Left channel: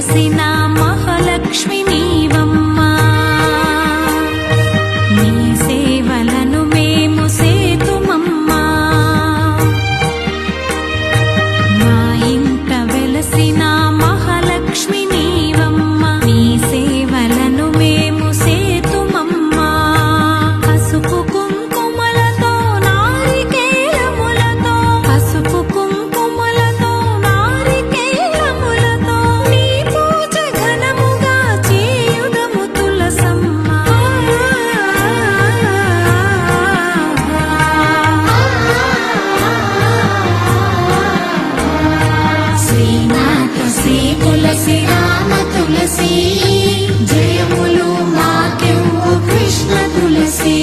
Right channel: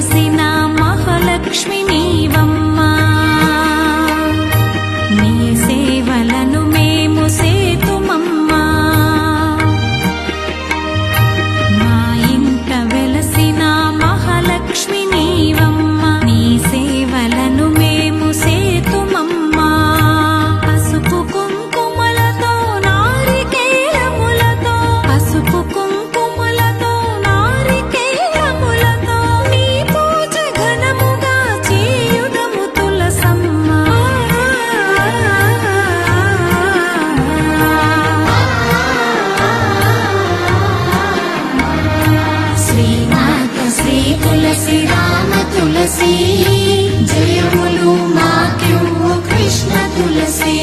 వెలసిన మహాలక్ష్మి నీవమ్మా, నీ సేవలను మేము సేతుమమ్మా. మా ఇంట వెలసిన మహాలక్ష్మి నీవమ్మా, నీ సేవలను మేము సేతుమమ్మా. పసుపు కుంకుమలతో నారికేలములతో, పసుపు కుంకుమలతో నారికేలములతో నీ పూజ ఘనముగా చేయుదము తులసమ్మా. శ్రీనాథ శ్రీ తులసి రామ తులసి, జయములు మాకెవ్వు కృష్ణ తులసి.